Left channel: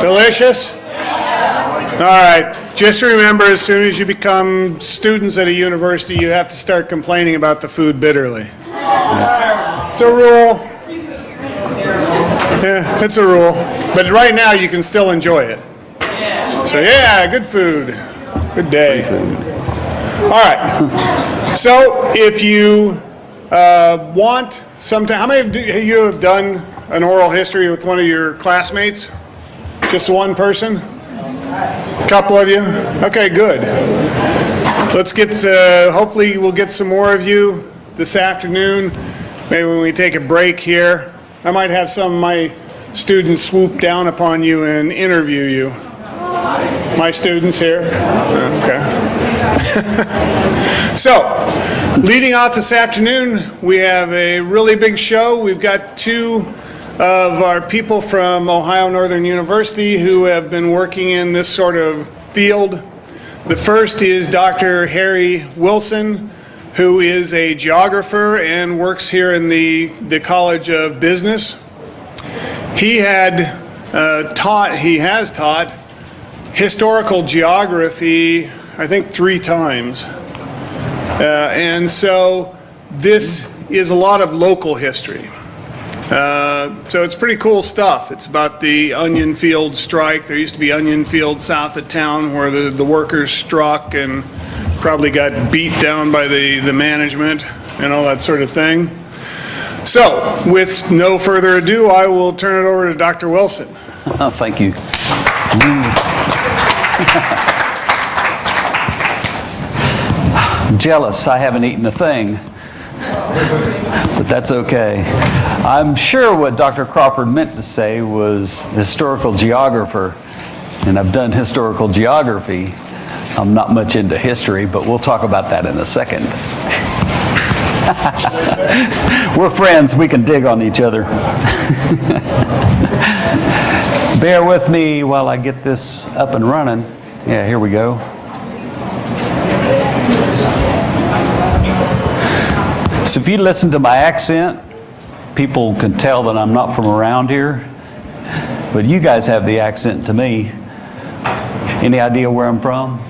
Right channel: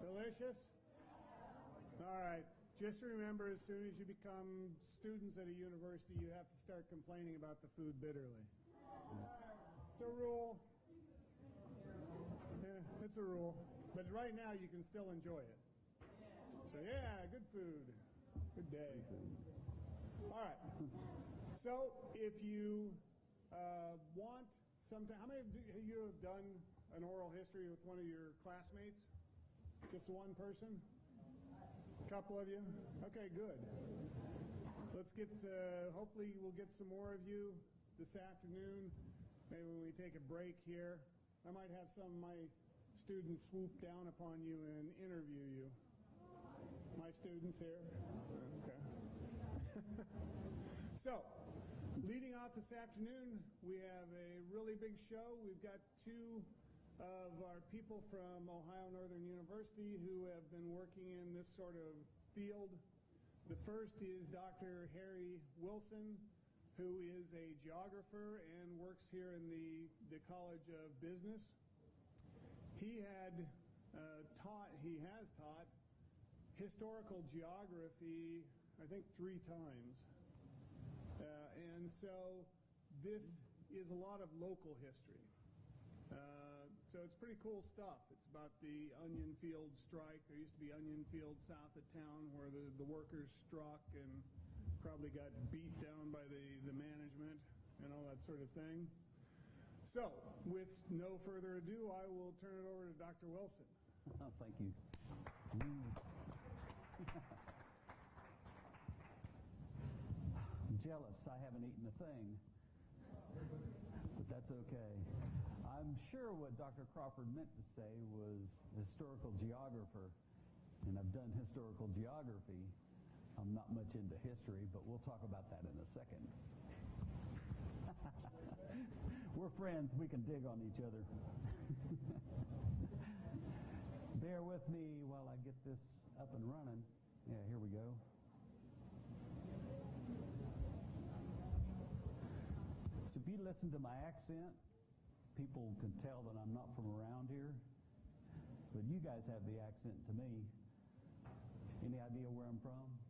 Delicious? All right. Just remember, as soon as you become students at a university, you have to start complaining about the food bitterly. It's a rule. Yeah, it's a rule. But right now, you can still enjoy it. So yeah, good food. Good day. All right. So if you want sometime, how many of you have done an oral history with one of your classmates? Just one person? A couple of you? Okay, good. Let's get, hopefully we'll get some more of you this afternoon. Maybe when we take a break here. I might have some of my students swoop down upon you and interview you. My students here? Okay. So, leading off this afternoon, we have a really big show. We've got two of our people from Ohio Northern University who have been working in this sort of field. The first is Dr. Harry Wilson, who is a geographer and works here in the College of Business. He has taught historical geography, I think 3 times. And so this is a lot of local history. So it's pretty cool stuff. It's about the onion field strike. There used to be onion fields south of town where the workers struck and probably got beat down by the management and all that sort of thing. So with no further ado, I will turn it over to Dr. Wilson. Oh, thank you. I'm jealous. I haven't eaten a thing. But that's okay. I'm sure what Dr. Crawford meant to say was historical geographer, and I've done historical geography. I'm not much into history, but we'll talk about that in a second. We're friends, we can dig on each other. Bear with me while I get this up and running. Yeah, here we go. So if you listen to my accent, people can tell that I'm not from around here, but you guys have the accent to me. Any idea where I'm from?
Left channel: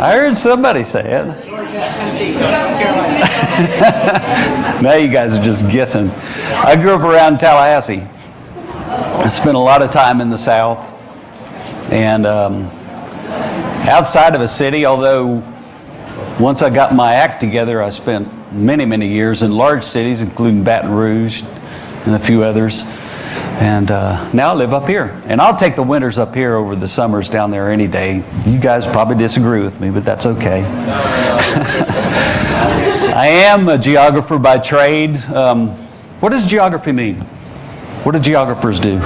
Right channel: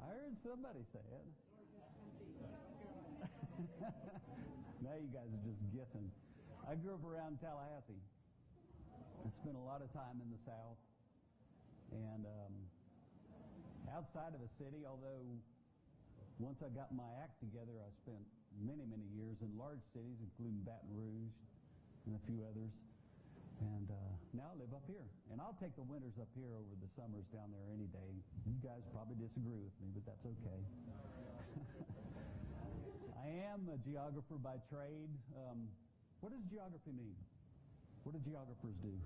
I heard somebody say it. Now you guys are just guessing. I grew up around Tallahassee. I spent a lot of time in the South, and outside of a city, although once I got my act together, I spent many, many years in large cities, including Baton Rouge and a few others. And now I live up here. And I'll take the winters up here over the summers down there any day. You guys probably disagree with me, but that's okay. I am a geographer by trade. What does geography mean? What do geographers do?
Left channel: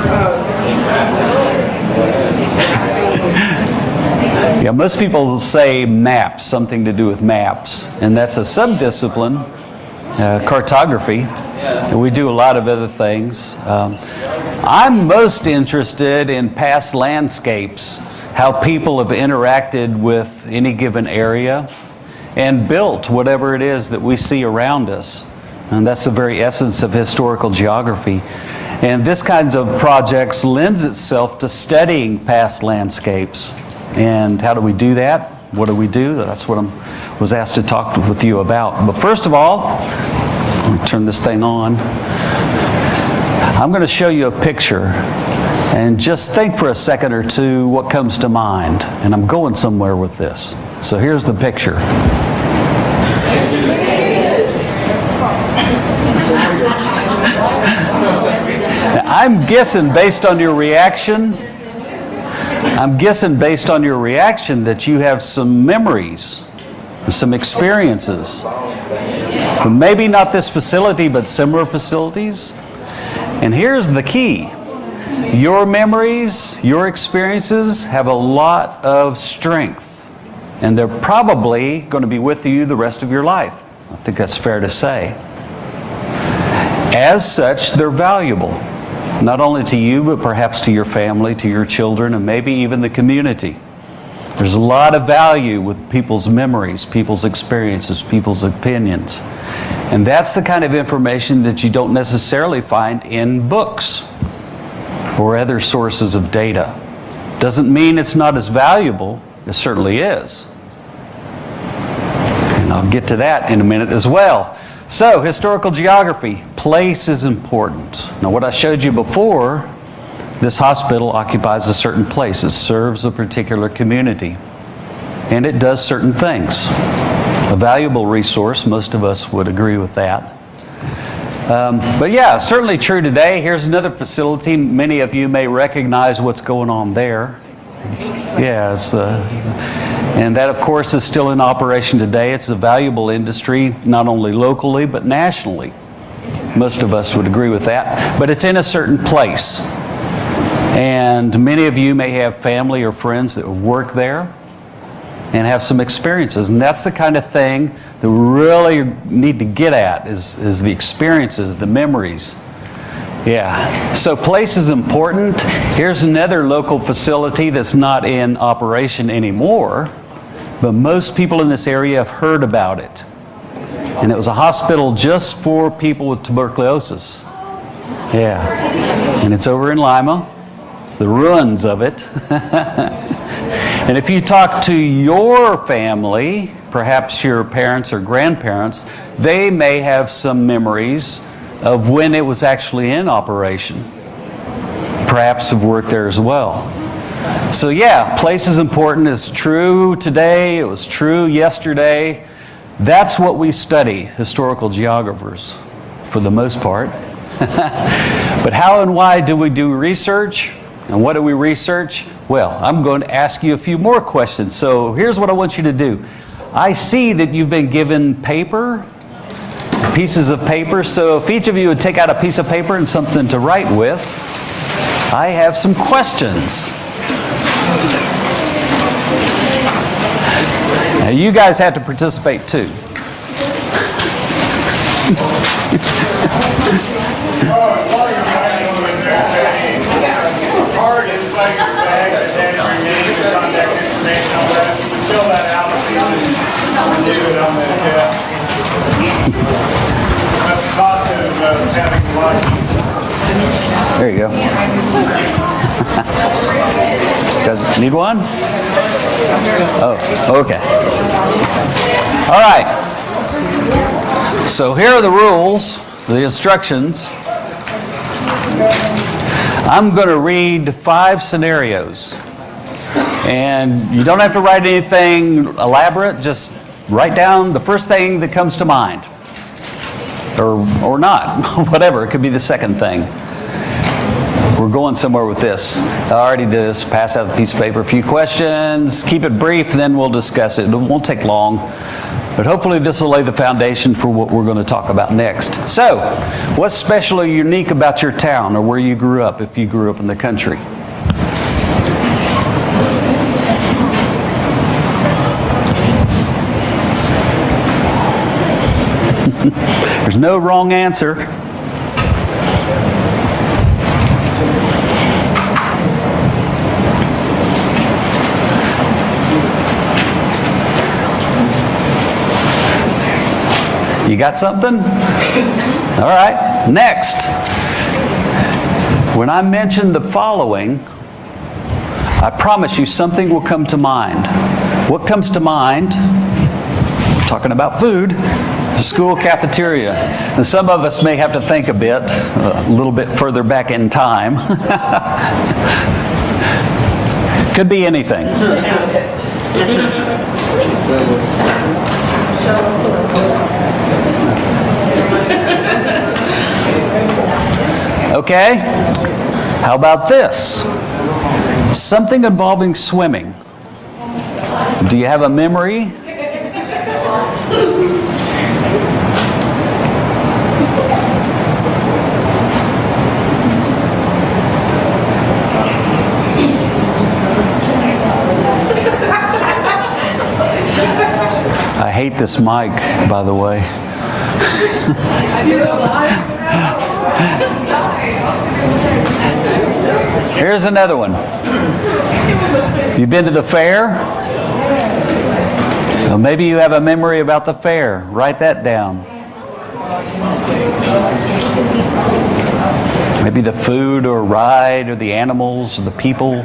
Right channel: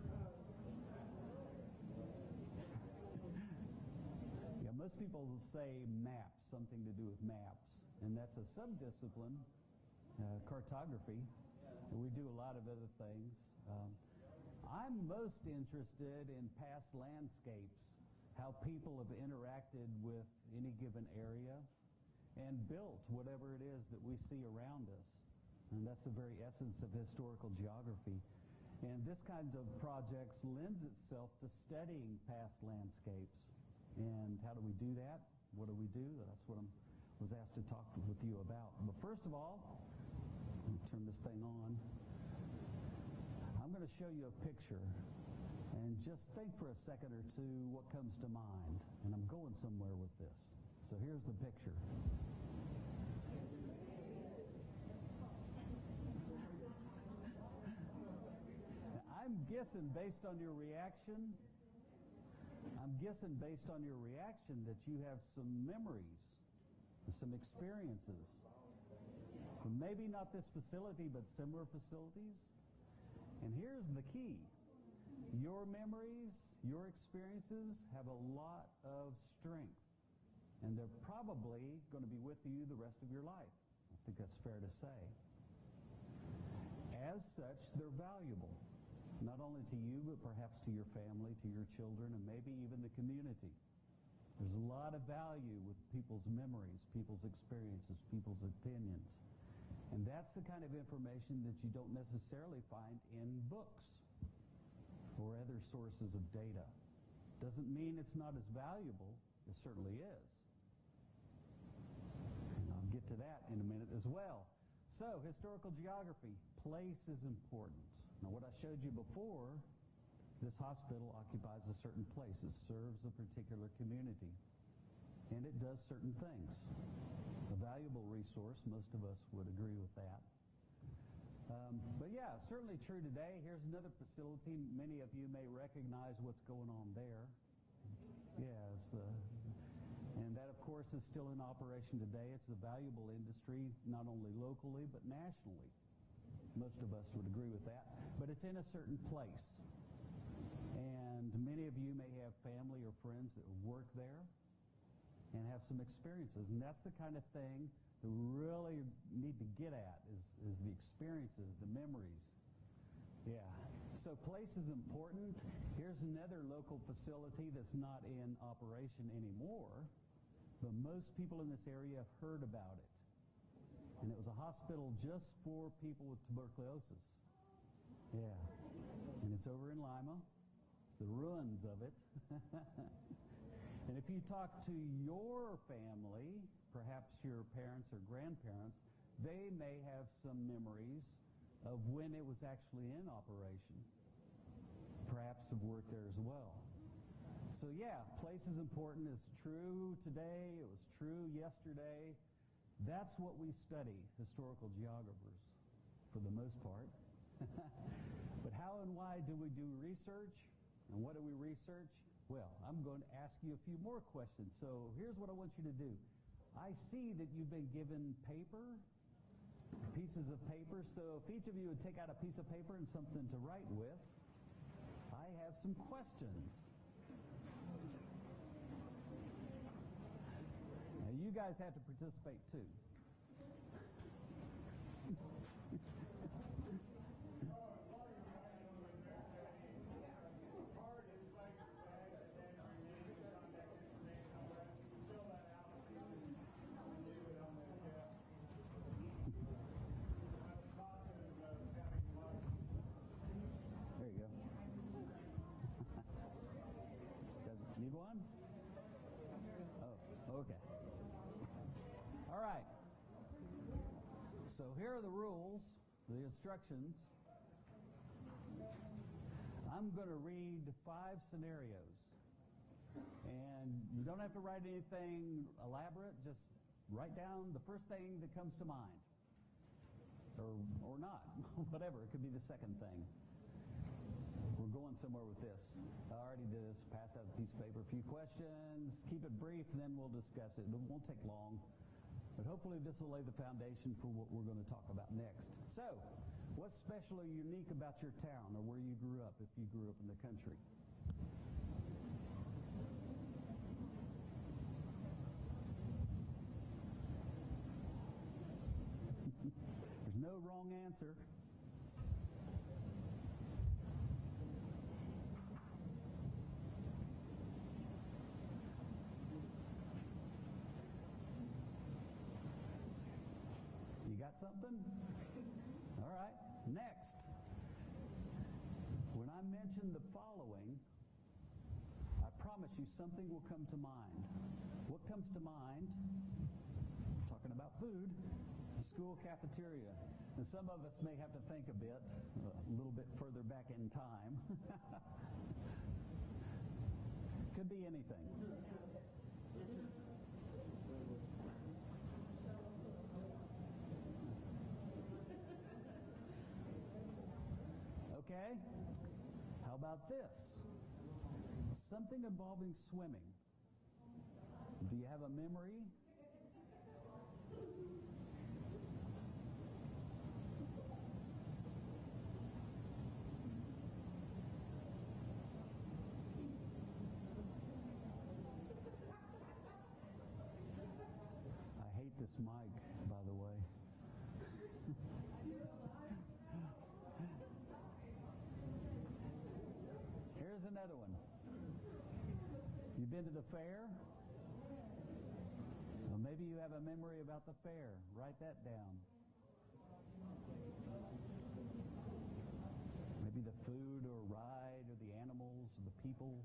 Yeah, most people say maps, something to do with maps. And that's a subdiscipline, cartography. And we do a lot of other things. I'm most interested in past landscapes, how people have interacted with any given area and built whatever it is that we see around us. And that's the very essence of historical geography. And this kinds of projects lends itself to studying past landscapes. And how do we do that? What do we do? That's what I was asked to talk with you about. But first of all, let me turn this thing on. I'm going to show you a picture. And just think for a second or two what comes to mind. And I'm going somewhere with this. So here's the picture. Now, I'm guessing based on your reaction, that you have some memories, some experiences. But maybe not this facility, but similar facilities. And here's the key. Your memories, your experiences have a lot of strength. And they're probably going to be with you the rest of your life. I think that's fair to say. As such, they're valuable. Not only to you, but perhaps to your family, to your children, and maybe even the community. There's a lot of value with people's memories, people's experiences, people's opinions. And that's the kind of information that you don't necessarily find in books or other sources of data. Doesn't mean it's not as valuable. It certainly is. And I'll get to that in a minute as well. So, historical geography. Place is important. Now, what I showed you before, this hospital occupies a certain place. It serves a particular community. And it does certain things. A valuable resource, most of us would agree with that. But yeah, certainly true today. Here's another facility. Many of you may recognize what's going on there. And that, of course, is still in operation today. It's a valuable industry, not only locally, but nationally. Most of us would agree with that. But it's in a certain place. And many of you may have family or friends that work there and have some experiences. And that's the kind of thing that we really need to get at is the experiences, the memories. Yeah. So place is important. Here's another local facility that's not in operation anymore, but most people in this area have heard about it. And it was a hospital just for people with tuberculosis. Yeah. And it's over in Lima, the ruins of it. And if you talk to your family, perhaps your parents or grandparents, they may have some memories of when it was actually in operation. Perhaps have worked there as well. So yeah, place is important. It's true today. It was true yesterday. That's what we study, historical geographers, for the most part. But how and why do we do research? And what do we research? Well, I'm going to ask you a few more questions. So here's what I want you to do. I see that you've been given paper, pieces of paper. So if each of you would take out a piece of paper and something to write with, I have some questions. Now you guys have to participate too. There you go. You guys need one? Oh, okay. All right. So here are the rules, the instructions. I'm going to read 5 scenarios. And you don't have to write anything elaborate, just write down the first thing that comes to mind. Or not, whatever, it could be the second thing. We're going somewhere with this. I already did this, pass out a piece of paper, a few questions, keep it brief, then we'll discuss it. It won't take long, but hopefully this will lay the foundation for what we're going to talk about next. So, what's special or unique about your town or where you grew up, if you grew up in the country? There's no wrong answer. You got something? All right, next. When I mention the following, I promise you something will come to mind. What comes to mind? We're talking about food. The school cafeteria. And some of us may have to think a little bit further back in time. Could be anything. Okay, how about this? Something involving swimming. Do you have a memory? I hate this mic, by the way. Here's another one. You've been to the fair? So maybe you have a memory about the fair. Write that down. Maybe the food or ride or the animals or the people.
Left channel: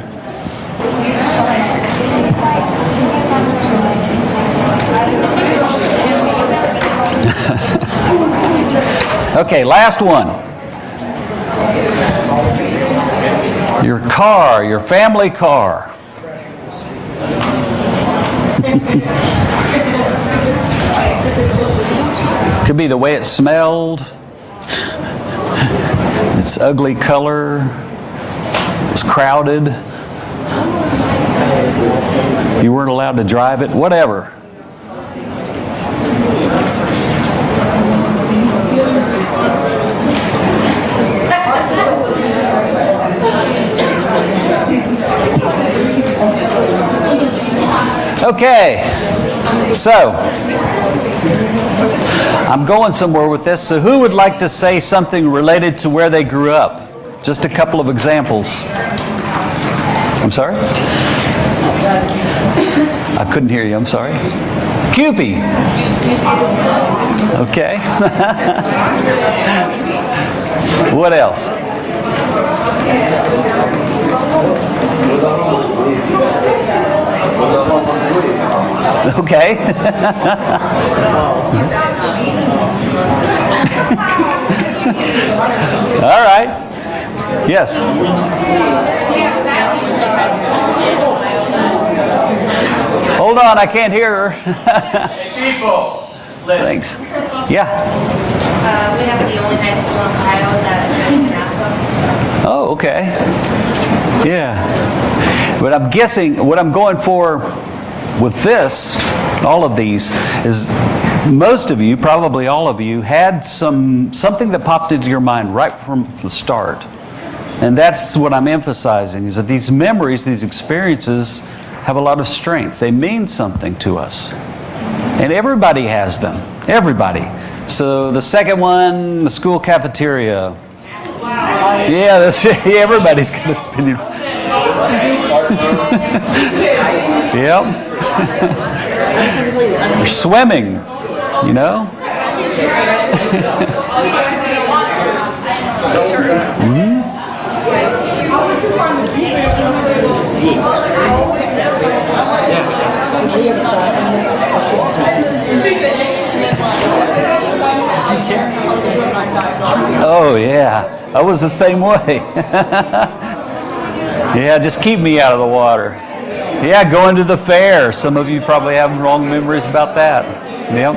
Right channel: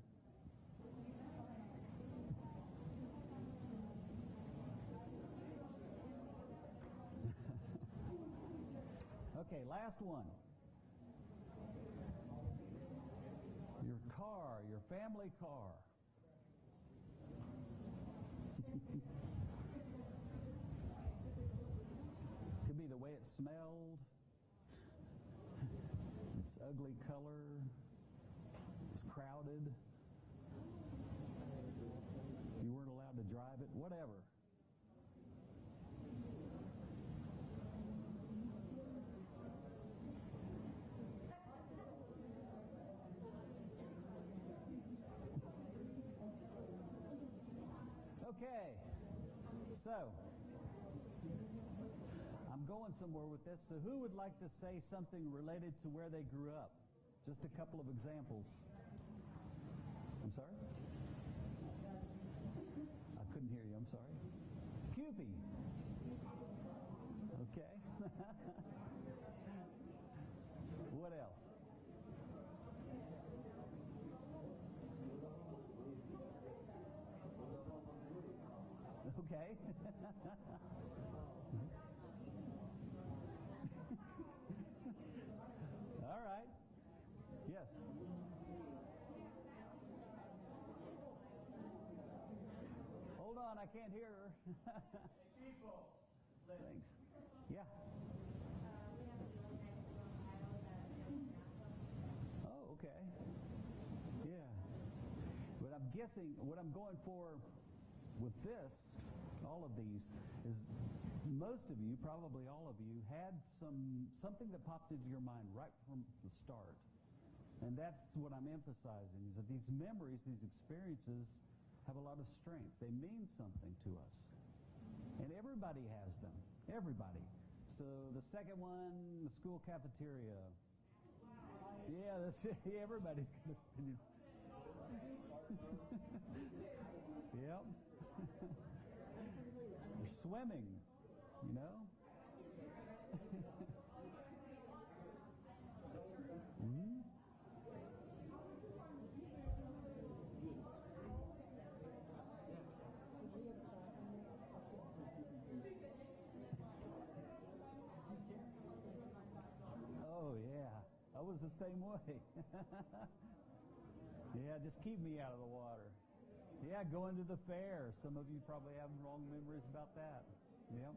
Okay, last one. Your car, your family car. Could be the way it smelled, its ugly color, it was crowded, you weren't allowed to drive it, whatever. Okay, so I'm going somewhere with this. So who would like to say something related to where they grew up? Just a couple of examples. I'm sorry? I couldn't hear you, I'm sorry. Cupid. Okay. What else? Okay. All right. Yes. Hold on, I can't hear her. People. Thanks. Yeah. We have the only high school in Ohio that is Nassau. Oh, okay. Yeah. But I'm guessing what I'm going for with this, all of these, is most of you, probably all of you, had something that popped into your mind right from the start. And that's what I'm emphasizing, is that these memories, these experiences, have a lot of strength. They mean something to us. And everybody has them. Everybody. So the second one, the school cafeteria. Yeah, everybody's got an opinion. Yep. You're swimming, you know? Mm-hmm. Oh, yeah. I was the same way. Yeah, just keep me out of the water. Yeah, going to the fair. Some of you probably have wrong memories about that. Yep.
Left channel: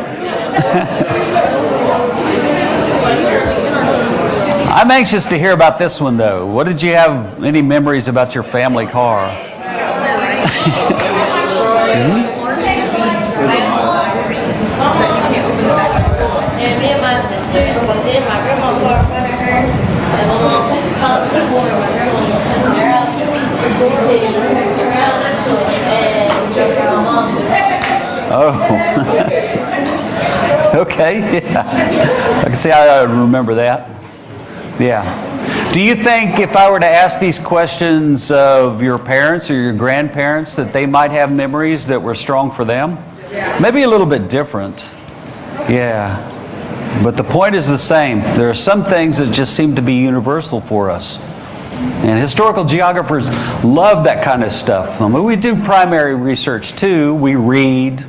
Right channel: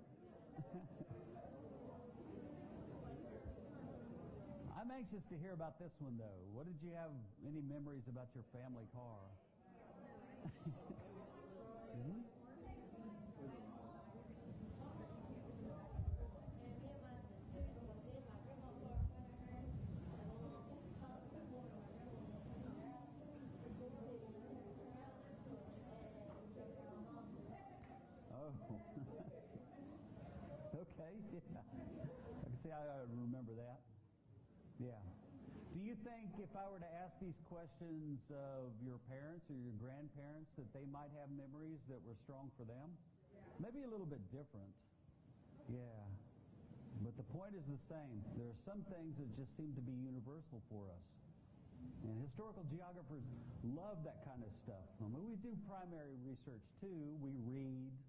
I'm anxious to hear about this one, though. What did you have, any memories about your family car? Mm-hmm. And me and my sisters, but then my grandma got in front of her, and my mom stopped before my grandma was just there out. And turned around and jumped on my mom. Oh. Okay, yeah. I can see how I would remember that. Yeah. Do you think if I were to ask these questions of your parents or your grandparents that they might have memories that were strong for them? Maybe a little bit different. Yeah. But the point is the same. There are some things that just seem to be universal for us. And historical geographers love that kind of stuff. I mean, we do primary research too. We read,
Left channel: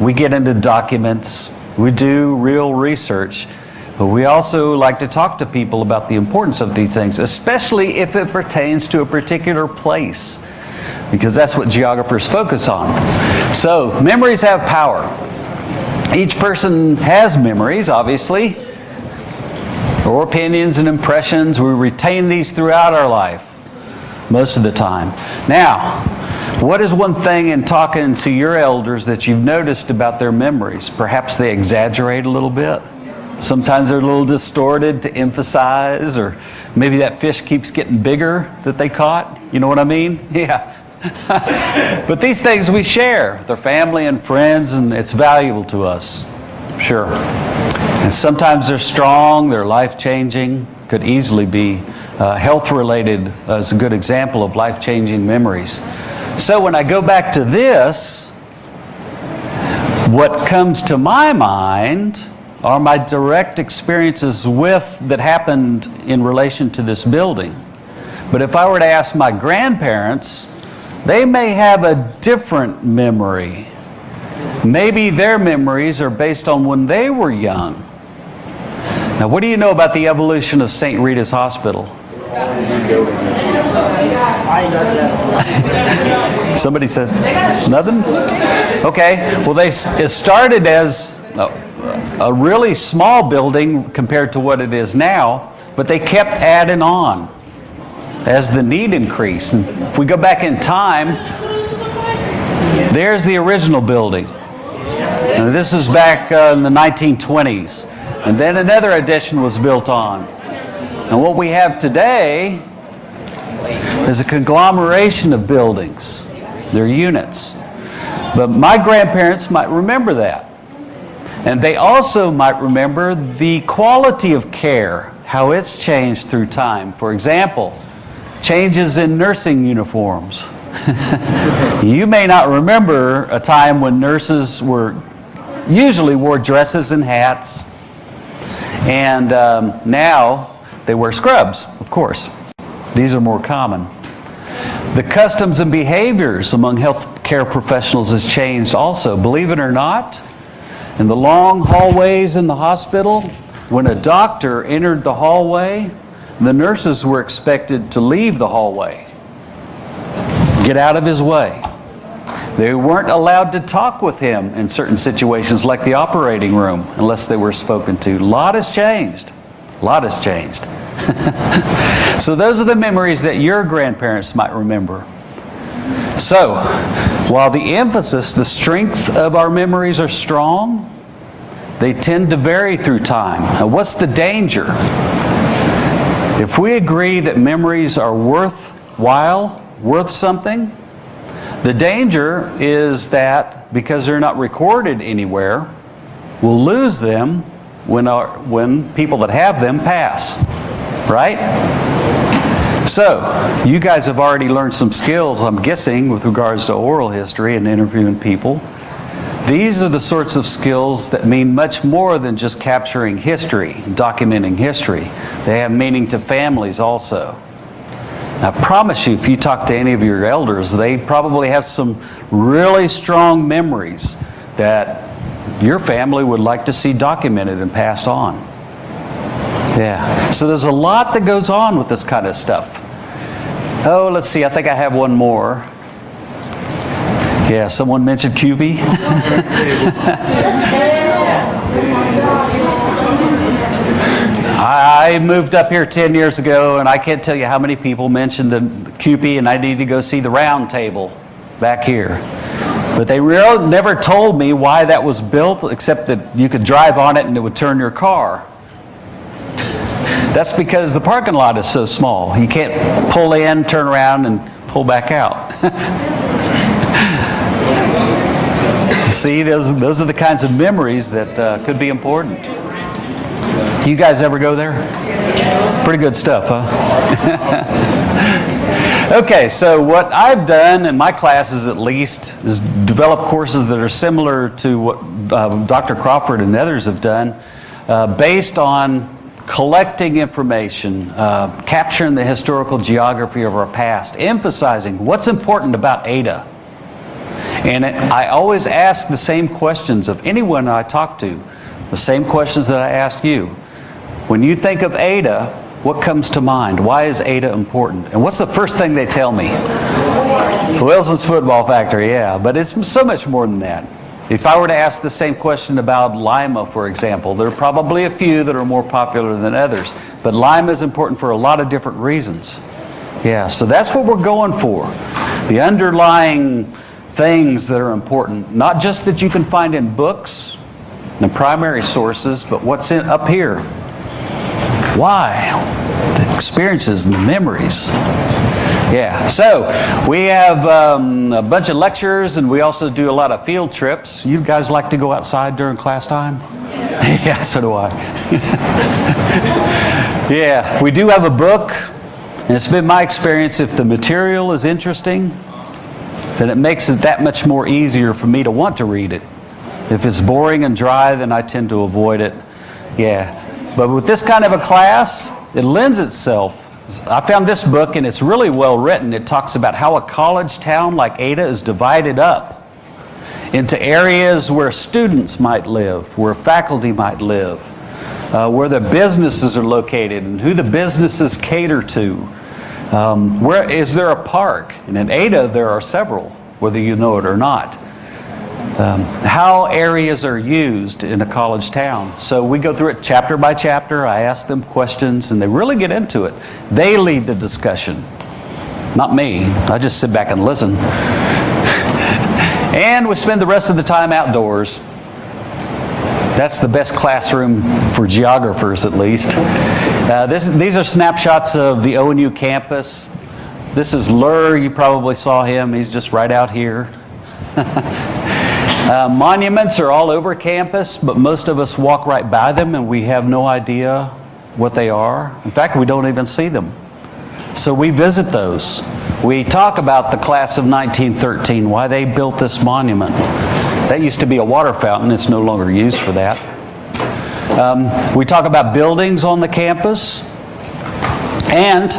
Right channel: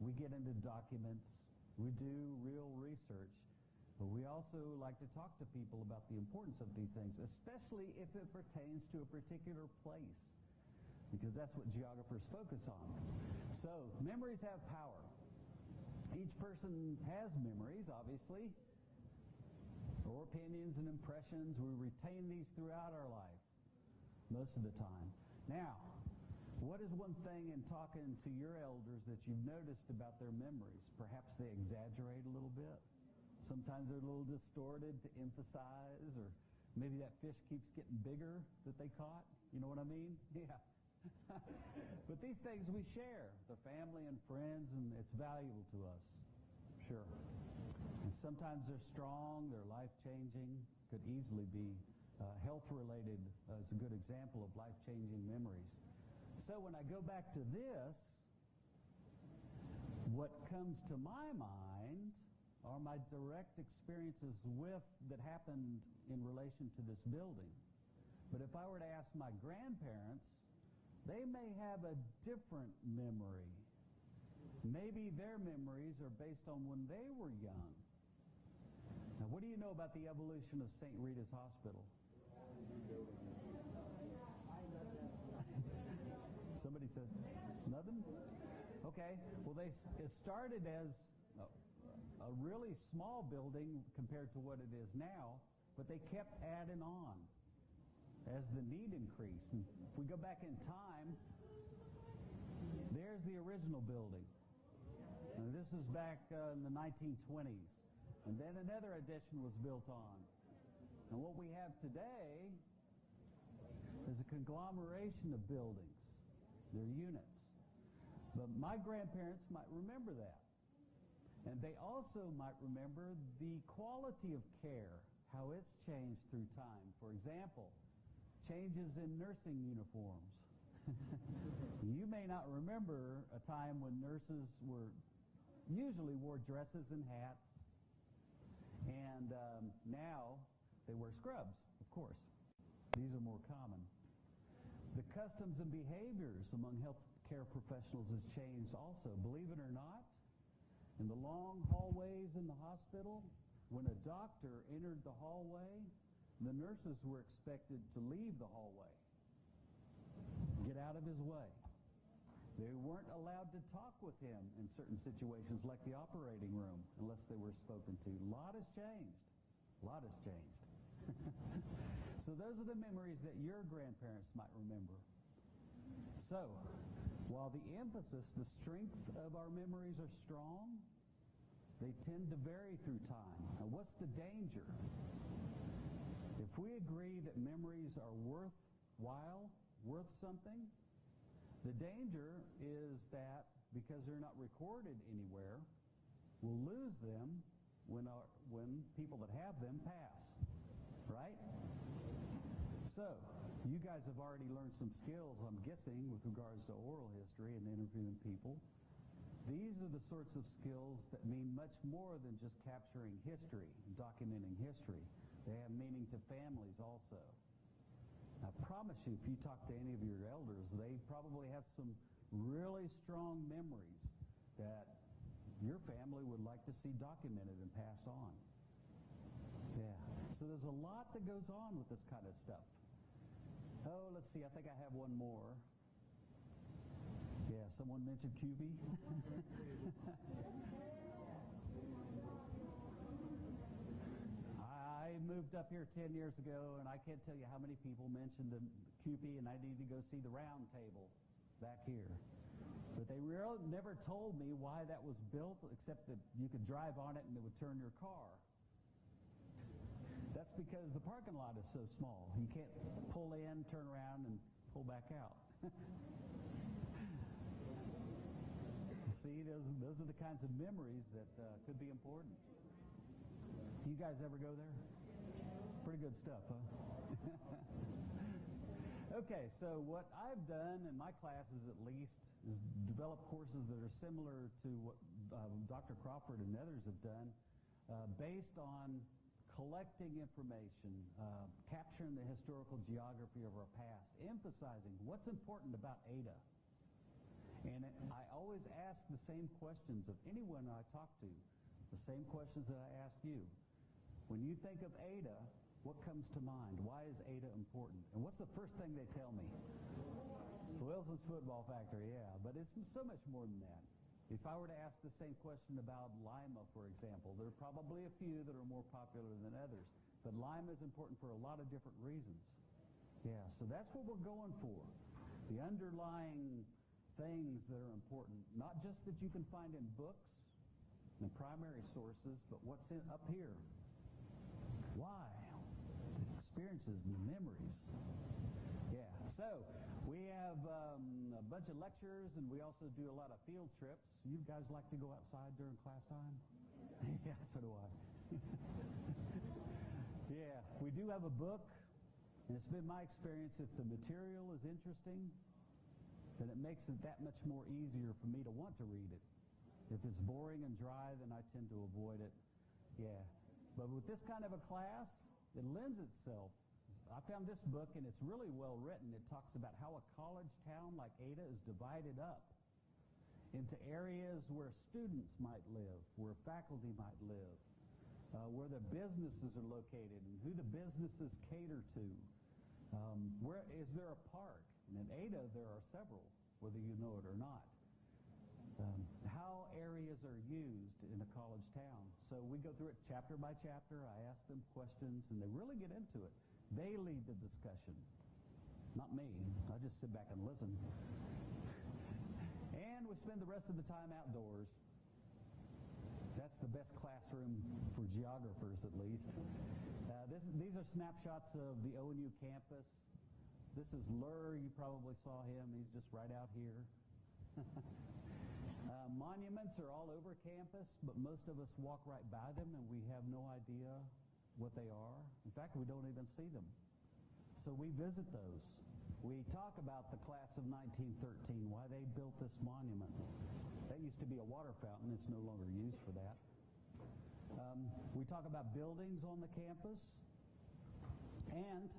we get into documents, we do real research. But we also like to talk to people about the importance of these things, especially if it pertains to a particular place, because that's what geographers focus on. So, memories have power. Each person has memories, obviously, or opinions and impressions. We retain these throughout our life, most of the time. Now, what is one thing in talking to your elders that you've noticed about their memories? Perhaps they exaggerate a little bit. Sometimes they're a little distorted to emphasize, or maybe that fish keeps getting bigger that they caught. You know what I mean? Yeah. But these things we share with our family and friends, and it's valuable to us. Sure. And sometimes they're strong, they're life-changing, could easily be health-related as a good example of life-changing memories. So when I go back to this, What comes to my mind are my direct experiences that happened in relation to this building. But if I were to ask my grandparents, they may have a different memory. Maybe their memories are based on when they were young. Now, what do you know about the evolution of St. Rita's Hospital? Somebody said nothing? Okay, well, it started as a really small building compared to what it is now, but they kept adding on as the need increased. And if we go back in time, there's the original building. And this is back in the 1920s. And then another addition was built on. And what we have today is a conglomeration of buildings. They're units. But my grandparents might remember that. And they also might remember the quality of care, how it's changed through time. For example, changes in nursing uniforms. You may not remember a time when nurses usually wore dresses and hats, and now they wear scrubs, of course. These are more common. The customs and behaviors among healthcare professionals has changed also. Believe it or not, in the long hallways in the hospital, when a doctor entered the hallway, the nurses were expected to leave the hallway, get out of his way. They weren't allowed to talk with him in certain situations like the operating room unless they were spoken to. A lot has changed. A lot has changed. So those are the memories that your grandparents might remember. So, while the emphasis, the strength of our memories are strong, they tend to vary through time. Now, what's the danger? If we agree that memories are worthwhile, worth something, the danger is that because they're not recorded anywhere, we'll lose them when people that have them pass. Right? So, you guys have already learned some skills, I'm guessing, with regards to oral history and interviewing people. These are the sorts of skills that mean much more than just capturing history, documenting history. They have meaning to families also. I promise you, if you talk to any of your elders, they probably have some really strong memories that your family would like to see documented and passed on. Yeah, so there's a lot that goes on with this kind of stuff. Oh, let's see, I think I have one more. Yeah, someone mentioned QB. I moved up here 10 years ago, and I can't tell you how many people mentioned the QB, and I need to go see the round table back here. But they really never told me why that was built, except that you could drive on it and it would turn your car. That's because the parking lot is so small. You can't pull in, turn around, and pull back out. See, those are the kinds of memories that could be important. You guys ever go there? Pretty good stuff, huh? Okay, so what I've done in my classes at least is develop courses that are similar to what Dr. Crawford and others have done based on collecting information, capturing the historical geography of our past, emphasizing what's important about Ada. And I always ask the same questions of anyone I talk to, the same questions that I ask you. When you think of Ada, what comes to mind? Why is Ada important? And what's the first thing they tell me? Wilson's Football Factory, yeah, but it's so much more than that. If I were to ask the same question about Lima, for example, there are probably a few that are more popular than others, but Lima is important for a lot of different reasons. Yeah, so that's what we're going for. The underlying things that are important, not just that you can find in books and primary sources, but what's up here. Why? The experiences and the memories. Yeah, so we have a bunch of lectures, and we also do a lot of field trips. You guys like to go outside during class time? Yeah, so do I. Yeah, we do have a book, and it's been my experience, if the material is interesting, then it makes it that much more easier for me to want to read it. If it's boring and dry, then I tend to avoid it. Yeah. But with this kind of a class, it lends itself. I found this book, and it's really well written. It talks about how a college town like Ada is divided up into areas where students might live, where faculty might live, where the businesses are located, and who the businesses cater to. Where is there a park? And in Ada, there are several, whether you know it or not. How areas are used in a college town. So we go through it chapter by chapter. I ask them questions, and they really get into it. They lead the discussion, not me. I just sit back and listen. And we spend the rest of the time outdoors. That's the best classroom for geographers, at least. These are snapshots of the ONU campus. This is Lur. You probably saw him. He's just right out here. Monuments are all over campus, but most of us walk right by them and we have no idea what they are. In fact, we don't even see them. So we visit those. We talk about the class of 1913, why they built this monument. That used to be a water fountain. It's no longer used for that. We talk about buildings on the campus and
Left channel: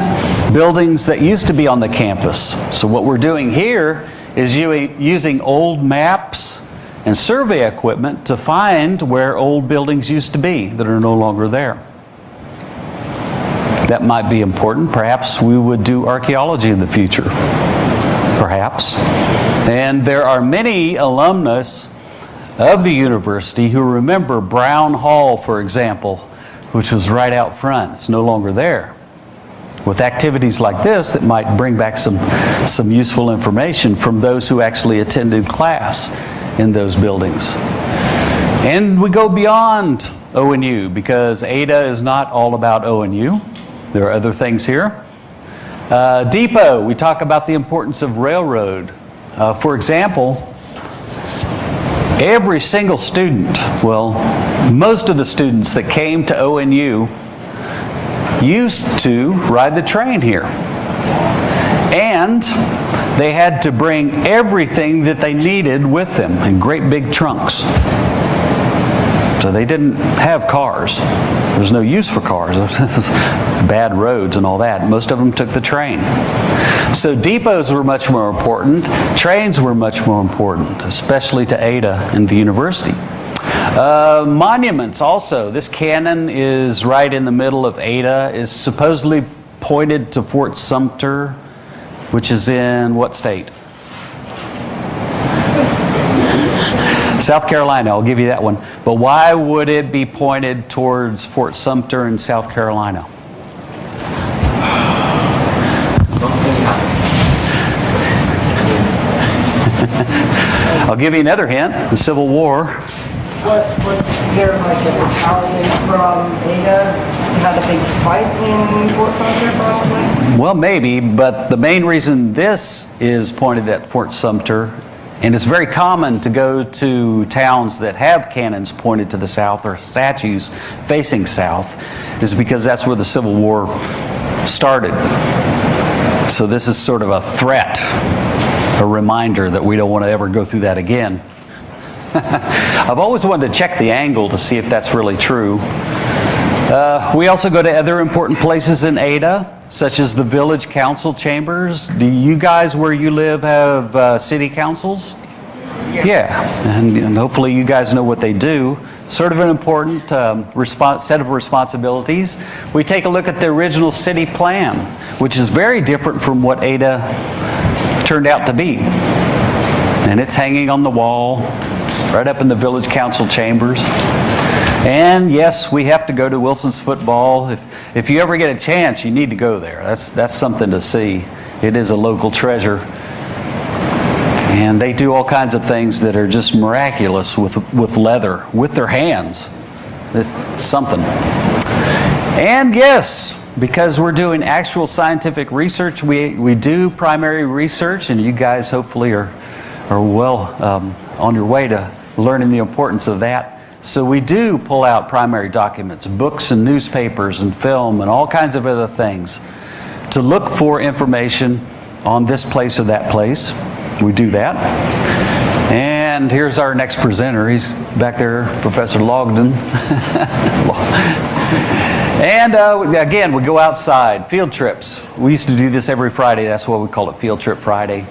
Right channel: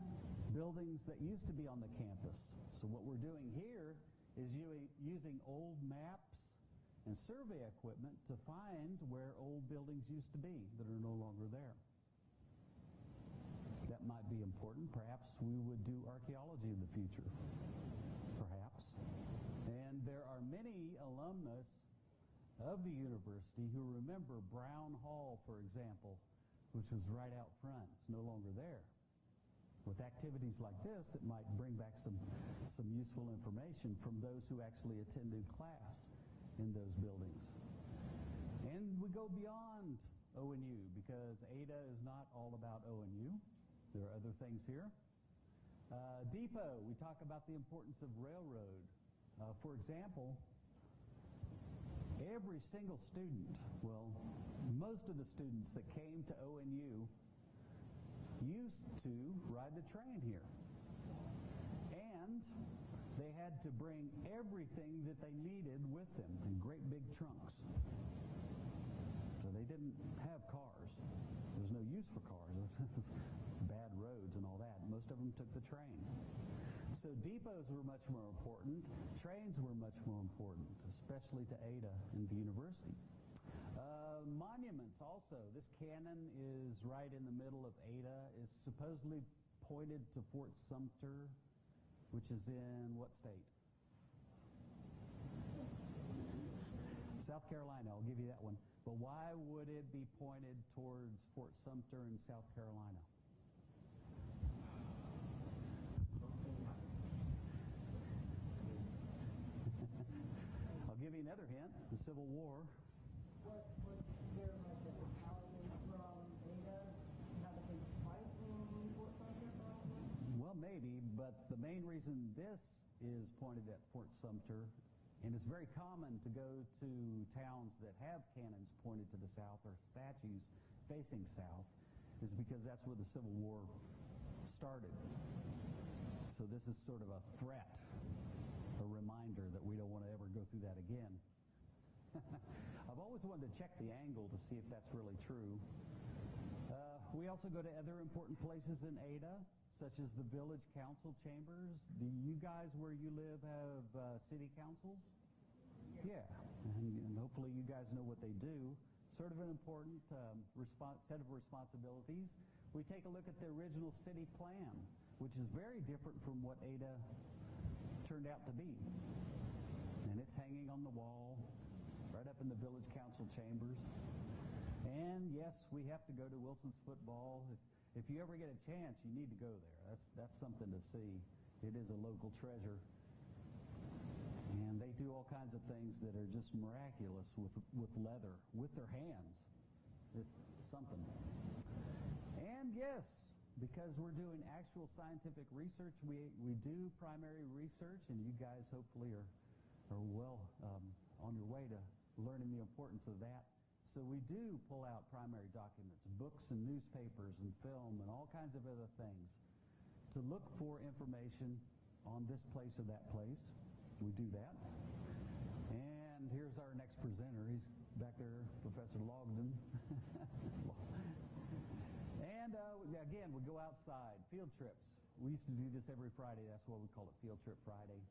buildings that used to be on the campus. So what we're doing here is using old maps and survey equipment to find where old buildings used to be that are no longer there. That might be important. Perhaps we would do archaeology in the future. Perhaps. And there are many alumnus of the university who remember Brown Hall, for example, which was right out front. It's no longer there. With activities like this, it might bring back some useful information from those who actually attended class in those buildings. And we go beyond ONU, because Ada is not all about ONU. There are other things here. Depot, we talk about the importance of railroad. For example, every single student, well, most of the students that came to ONU used to ride the train here. And they had to bring everything that they needed with them in great big trunks. So they didn't have cars. There's no use for cars. Bad roads and all that. Most of them took the train. So depots were much more important. Trains were much more important, especially to Ada and the university. Monuments also. This cannon is right in the middle of Ada. Is supposedly pointed to Fort Sumter, which is in what state? South Carolina, I'll give you that one. But why would it be pointed towards Fort Sumter in South Carolina? I'll give you another hint, the Civil War. Was there like a battalion from Ada had a big fight in Fort Sumter possibly? Well, maybe, but the main reason this is pointed at Fort Sumter, and it's very common to go to towns that have cannons pointed to the south or statues facing south, is because that's where the Civil War started. So this is sort of a threat, a reminder that we don't want to ever go through that again. I've always wanted to check the angle to see if that's really true. We also go to other important places in Ada, such as the village council chambers. Do you guys where you live have city councils? Yeah, and hopefully you guys know what they do. Sort of an important set of responsibilities. We take a look at the original city plan, which is very different from what Ada turned out to be. And it's hanging on the wall, right up in the village council chambers. And yes, we have to go to Wilson's football. If you ever get a chance, you need to go there. That's something to see. It is a local treasure. And they do all kinds of things that are just miraculous with leather, with their hands. It's something. And yes, because we're doing actual scientific research, we do primary research, and you guys hopefully are well on your way to learning the importance of that. So we do pull out primary documents, books and newspapers and film and all kinds of other things to look for information on this place or that place. We do that. And And here's our next presenter. He's back there, Professor Logden. And again, we go outside, field trips. We used to do this every Friday. That's why we call it Field Trip Friday.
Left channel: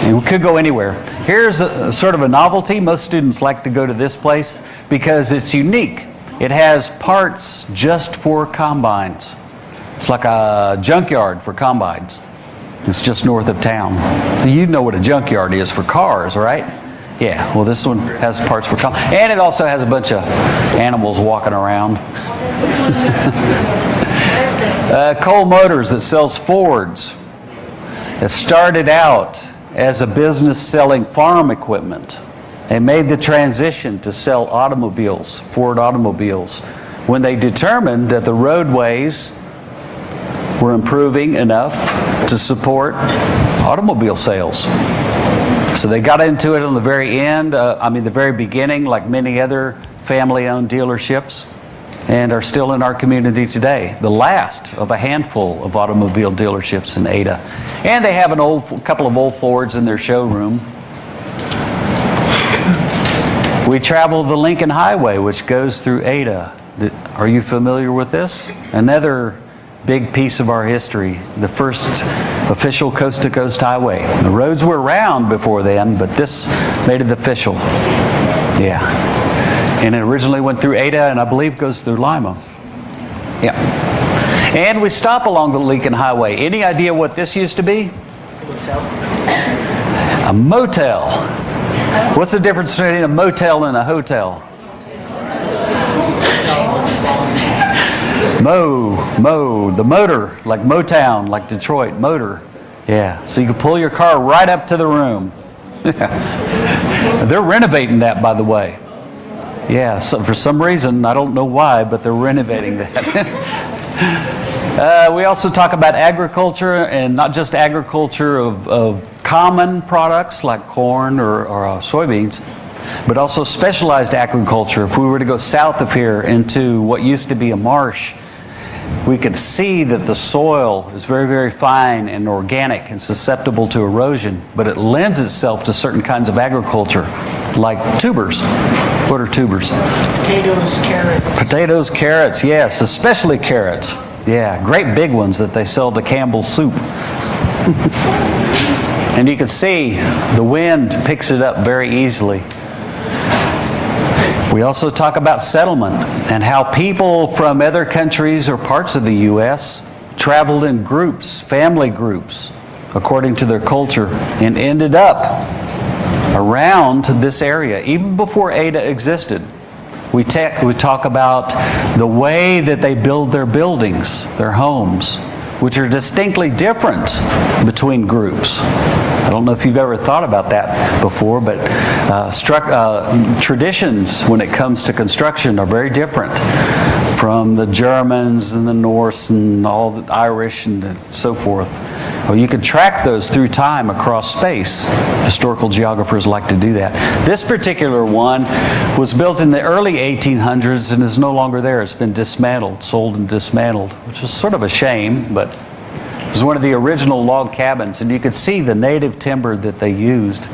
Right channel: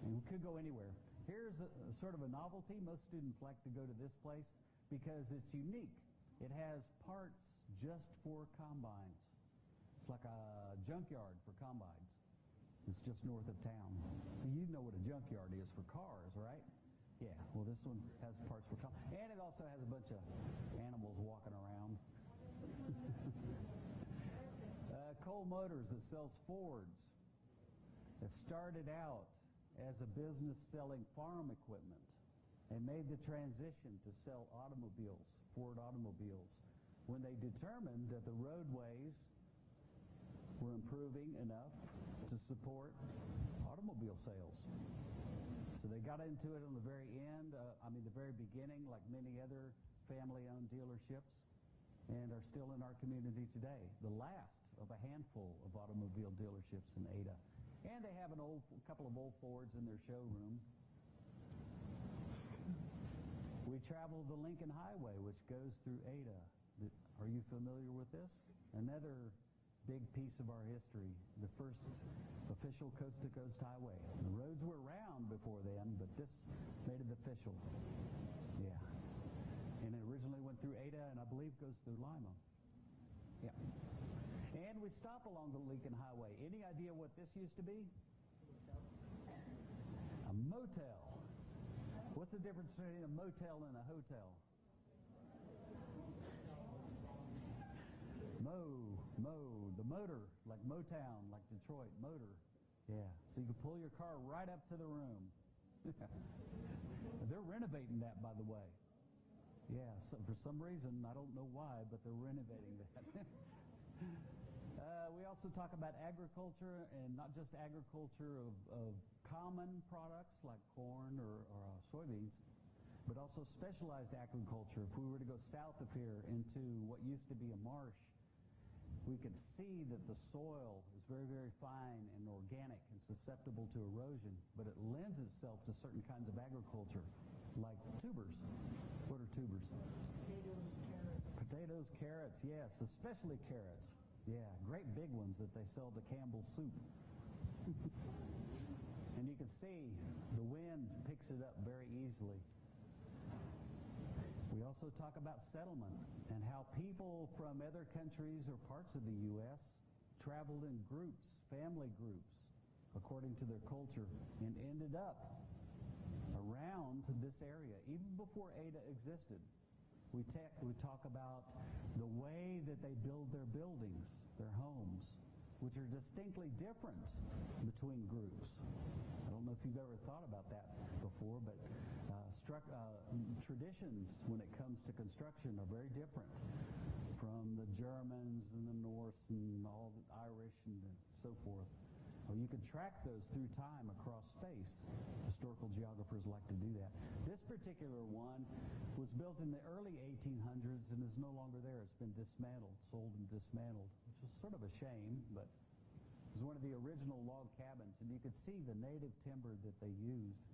And we could go anywhere. Here's sort of a novelty. Most students like to go to this place because it's unique. It has parts just for combines. It's like a junkyard for combines. It's just north of town. You know what a junkyard is for cars, right? Yeah, well, this one has parts for combines. And it also has a bunch of animals walking around. Cole Motors that sells Fords. It started out as a business selling farm equipment and made the transition to sell automobiles, Ford automobiles, when they determined that the roadways were improving enough to support automobile sales. So they got into it on the very end, the very beginning, like many other family-owned dealerships, and are still in our community today. The last of a handful of automobile dealerships in Ada. And they have a couple of old Fords in their showroom. We travel the Lincoln Highway, which goes through Ada. Are you familiar with this? Another big piece of our history, the first official coast-to-coast highway. The roads were around before then, but this made it official. Yeah. And it originally went through Ada, and I believe goes through Lima. Yeah. And we stop along the Lincoln Highway. Any idea what this used to be? A motel. What's the difference between a motel and a hotel? The motor, like Motown, like Detroit, motor. Yeah, so you can pull your car right up to the room. They're renovating that, by the way. Yeah, so for some reason, I don't know why, but they're renovating that. We also talk about agriculture, and not just agriculture of common products like corn or soybeans, but also specialized agriculture. If we were to go south of here into what used to be a marsh, we could see that the soil is very, very fine and organic and susceptible to erosion, but it lends itself to certain kinds of agriculture, like tubers. What are tubers? Potatoes, carrots. Potatoes, carrots, yes, especially carrots. Yeah, great big ones that they sell to Campbell's Soup. And you can see the wind picks it up very easily. We also talk about settlement and how people from other countries or parts of the U.S. traveled in groups, family groups, according to their culture, and ended up around this area, even before Ada existed. We talk about the way that they build their buildings, their homes, which are distinctly different between groups. I don't know if you've ever thought about that before, but traditions when it comes to construction are very different from the Germans and the Norse and all the Irish and so forth. Well, you can track those through time across space. Historical geographers like to do that. This particular one was built in the early 1800s and is no longer there. It's been dismantled, sold and dismantled, which is sort of a shame, but it was one of the original log cabins, and you could see the native timber that they used,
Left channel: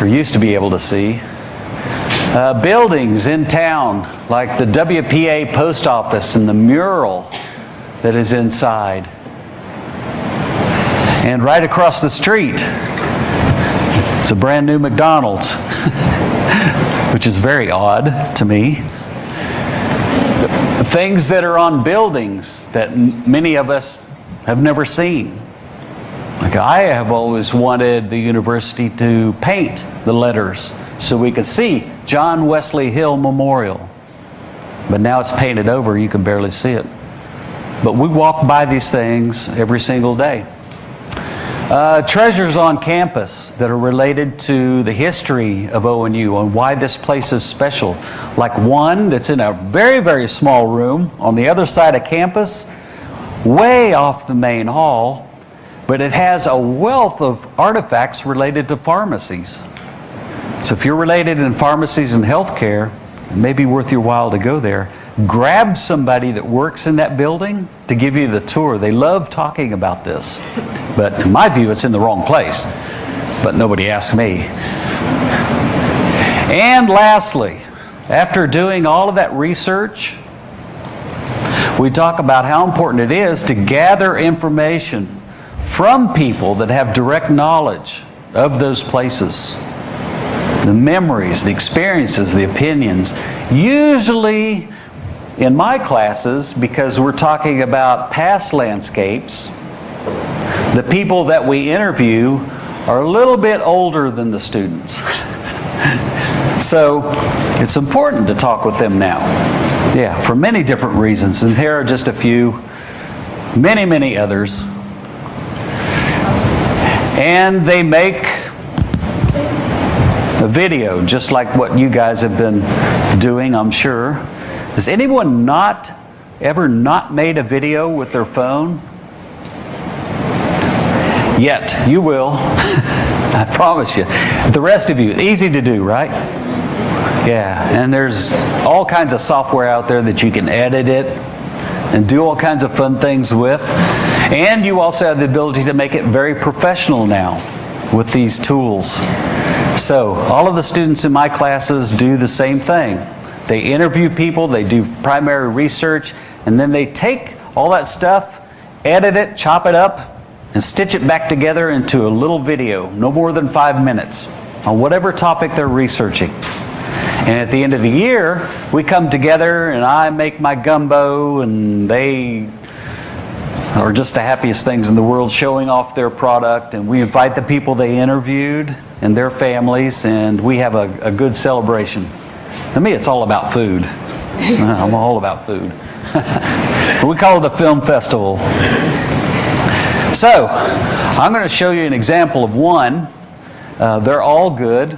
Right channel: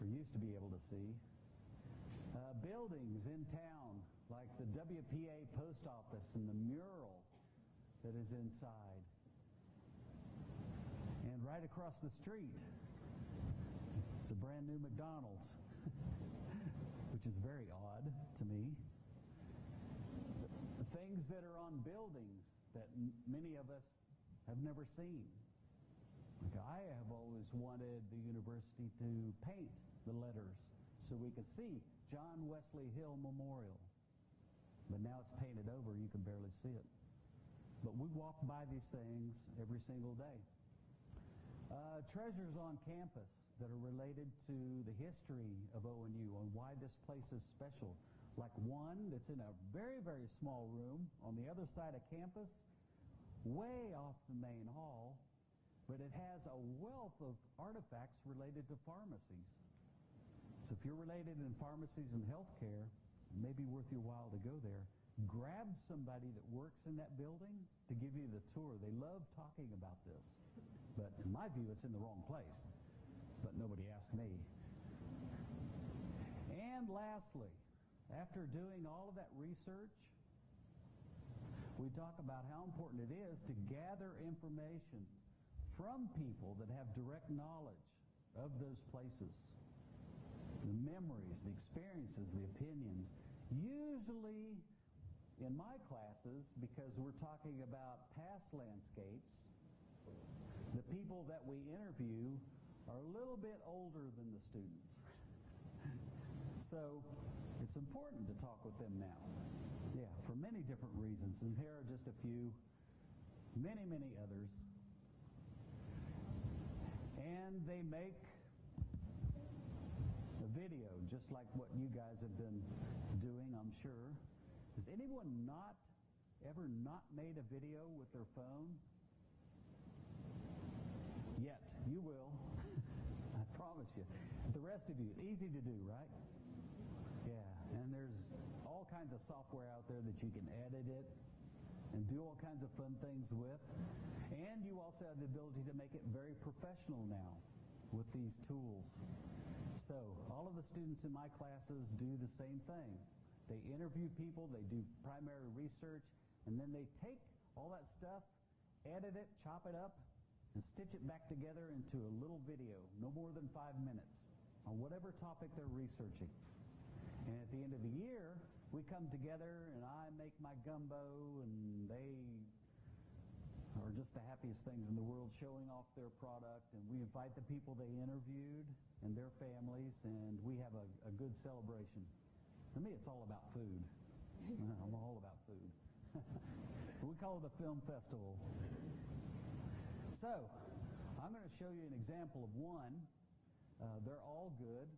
or used to be able to see. Buildings in town, like the WPA post office and the mural that is inside. And right across the street, it's a brand new McDonald's, which is very odd to me. Things that are on buildings that many of us have never seen. Like I have always wanted the university to paint the letters so we could see John Wesley Hill Memorial. But now it's painted over, you can barely see it. But we walk by these things every single day. Treasures on campus that are related to the history of ONU and why this place is special. Like one that's in a very, very small room on the other side of campus, way off the main hall, but it has a wealth of artifacts related to pharmacies. So if you're related in pharmacies and healthcare, it may be worth your while to go there. Grab somebody that works in that building to give you the tour. They love talking about this. But in my view, it's in the wrong place. But nobody asked me. And lastly, after doing all of that research, we talk about how important it is to gather information from people that have direct knowledge of those places. The memories, the experiences, the opinions. Usually in my classes, because we're talking about past landscapes, the people that we interview are a little bit older than the students. So it's important to talk with them now. Yeah, for many different reasons. And here are just a few, many others. And they make a video just like what you guys have been doing, I'm sure. Has anyone ever not made a video with their phone? Yet, you will. I promise you. The rest of you, easy to do, right? Yeah, and there's all kinds of software out there that you can edit it and do all kinds of fun things with. And you also have the ability to make it very professional now with these tools. So all of the students in my classes do the same thing. They interview people, they do primary research, and then they take all that stuff, edit it, chop it up, and stitch it back together into a little video, no more than 5 minutes, on whatever topic they're researching. And at the end of the year, we come together and I make my gumbo, and they are just the happiest things in the world showing off their product, and we invite the people they interviewed and their families, and we have a good celebration. To me, it's all about food. I'm all about food. We call it a film festival. So, I'm going to show you an example of one. They're all good.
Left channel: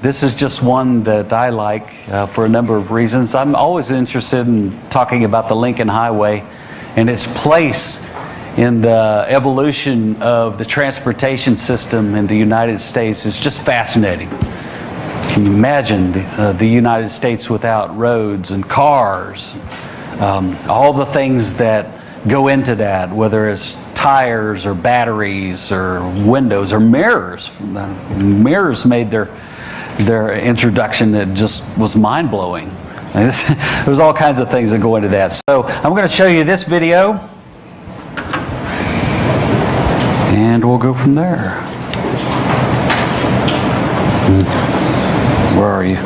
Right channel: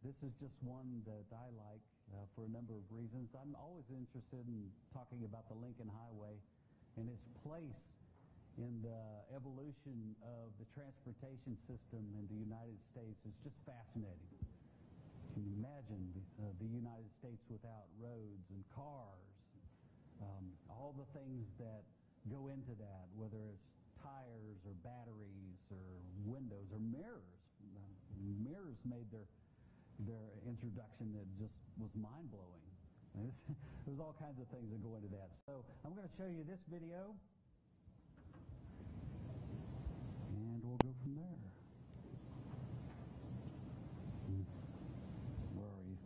This is just one that I like for a number of reasons. I'm always interested in talking about the Lincoln Highway and its place in the evolution of the transportation system in the United States. It's just fascinating. Can you imagine the United States without roads and cars? All the things that go into that, whether it's tires or batteries or windows or mirrors. Mirrors made their introduction that just was mind-blowing. There's all kinds of things that go into that. So I'm going to show you this video, and we'll go from there. Where are you?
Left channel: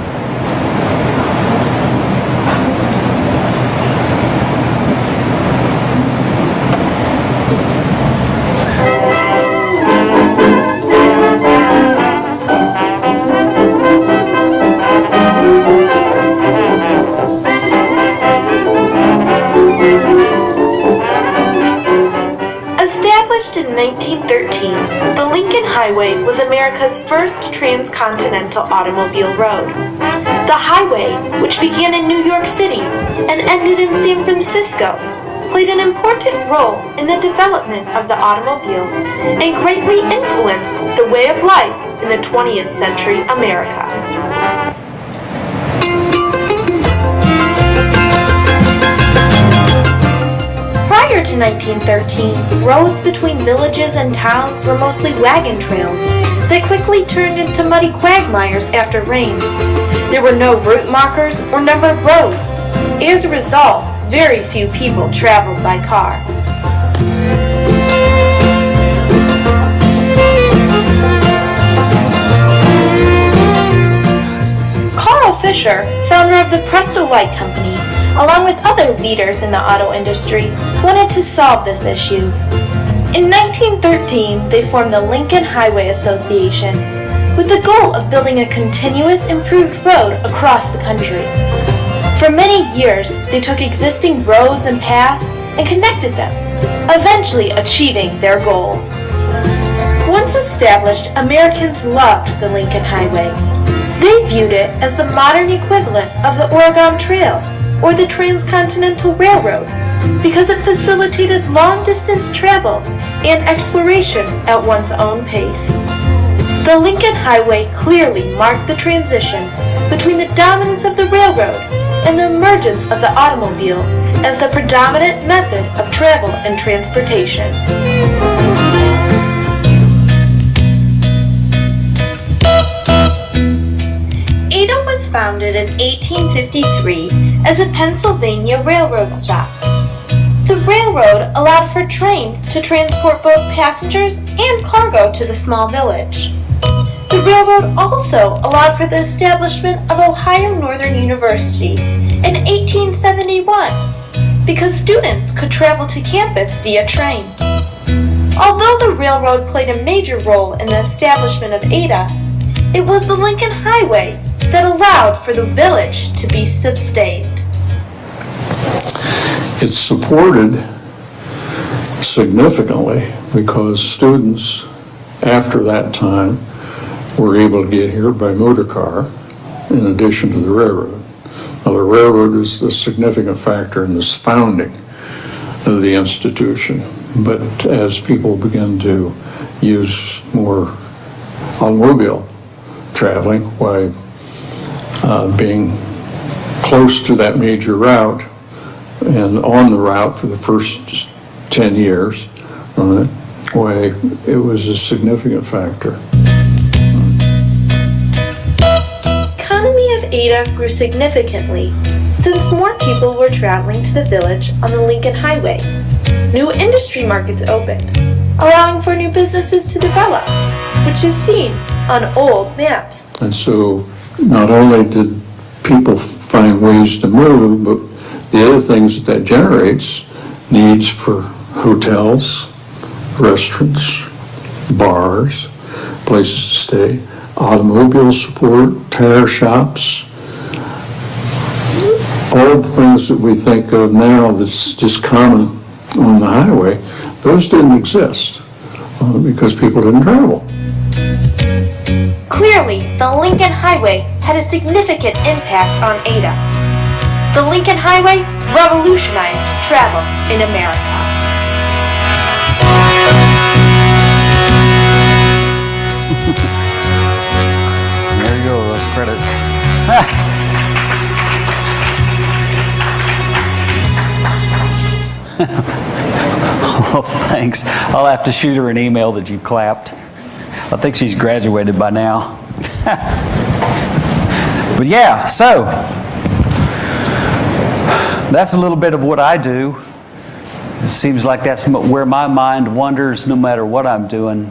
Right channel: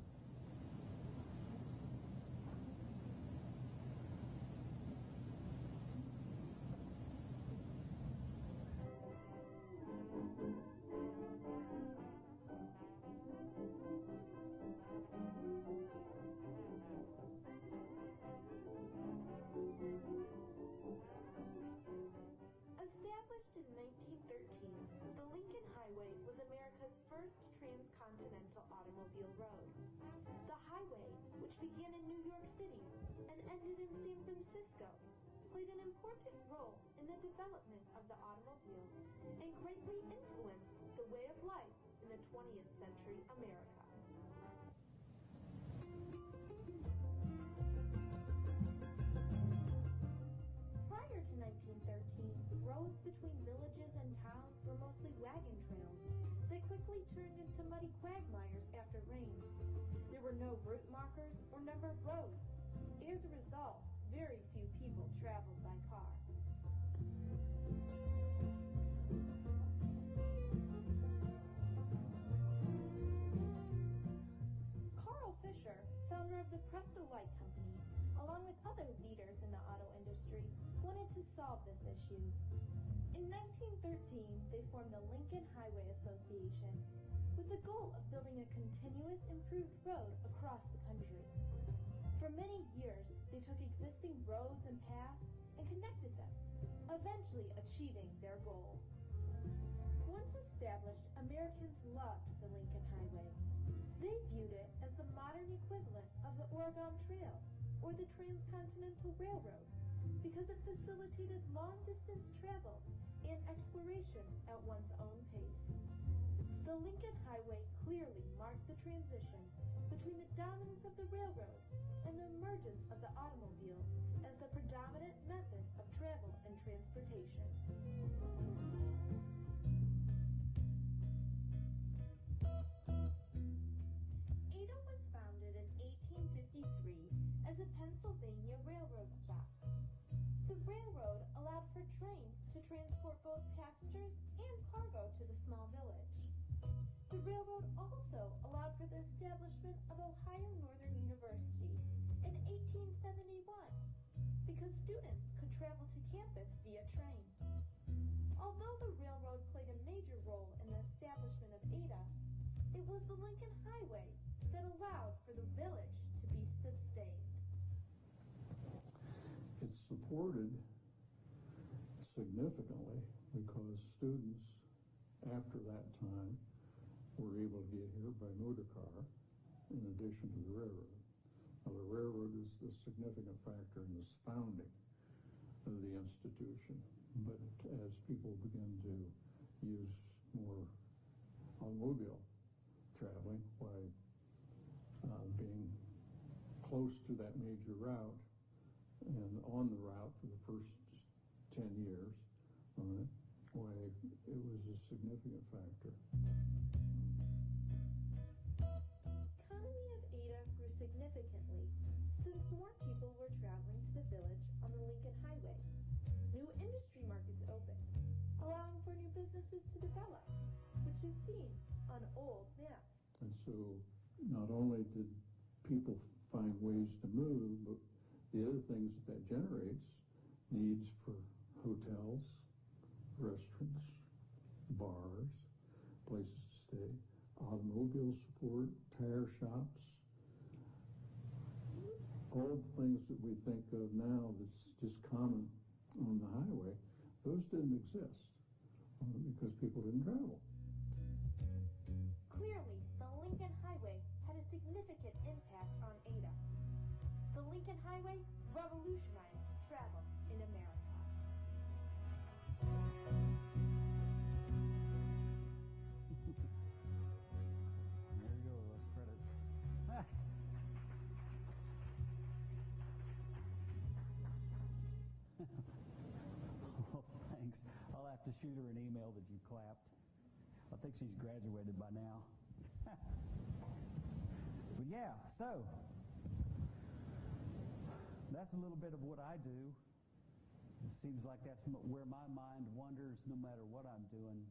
Established in 1913, the Lincoln Highway was America's first transcontinental automobile road. The highway, which began in New York City and ended in San Francisco, played an important role in the development of the automobile and greatly influenced the way of life in the 20th century America. Prior to 1913, roads between villages and towns were mostly wagon trails that quickly turned into muddy quagmires after rains. There were no route markers or numbered roads. As a result, very few people traveled by car. Carl Fisher, founder of the Presto Light Company, along with other leaders in the auto industry, wanted to solve this issue. In 1913, they formed the Lincoln Highway Association with the goal of building a continuous improved road across the country. For many years, they took existing roads and paths and connected them, eventually achieving their goal. Once established, Americans loved the Lincoln Highway. They viewed it as the modern equivalent of the Oregon Trail or the Transcontinental Railroad because it facilitated long-distance travel and exploration at one's own pace. The Lincoln Highway clearly marked the transition between the dominance of the railroad and the emergence of the automobile as the predominant method of travel and transportation. founded in 1853 as a Pennsylvania railroad stop. The railroad allowed for trains to transport both passengers and cargo to the small village. The railroad also allowed for the establishment of Ohio Northern University in 1871 because students could travel to campus via train. Although the railroad played a major role in the establishment of Ada, it was the Lincoln Highway that allowed for the village to be sustained. It's supported significantly because students after that time were able to get here by motor car in addition to the railroad. Now, the railroad is a significant factor in this founding of the institution, but as people begin to use more automobile traveling, why being close to that major route and on the route for the first 10 years, why it was a significant factor. Economy of Ada grew significantly since more people were traveling to the village on the Lincoln Highway. New industry markets opened, allowing for new businesses to develop, which is seen on old maps. And so not only did people find ways to move, but the other things that generates needs for hotels, restaurants, bars, places to stay, automobile support, tire shops, all the things that we think of now that's just common on the highway, those didn't exist because people didn't travel. Clearly, the Lincoln Highway had a significant impact on Ada. The Lincoln Highway revolutionized travel in America. There you go, those credits. Oh, thanks. I'll have to shoot her an email that you clapped. I think she's graduated by now. But yeah, so that's a little bit of what I do. It seems like that's where my mind wanders no matter what I'm doing.